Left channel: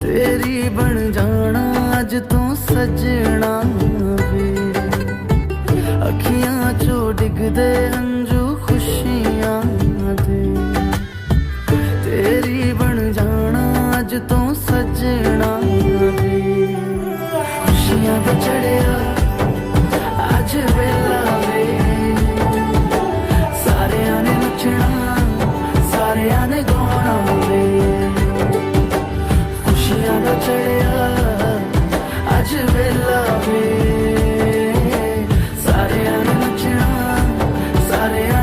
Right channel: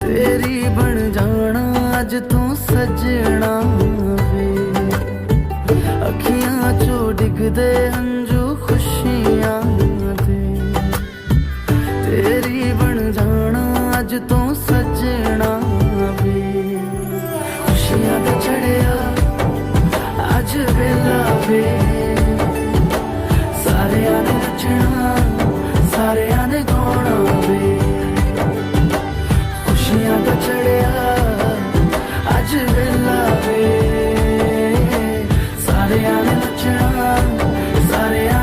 तेरी बन जाना अज तू सजना वे, अखियां चो डिगदे हंजू खुशियां दे। तेरी बन जाना अज तू सजना वे, खुशियां दा चढ़िया अज वेला वे। सारेयां ने नचना सारेयां ने गाना वे, खुशियां दा चढ़िया अज वेला वे। सारेयां ने नचना सारेयां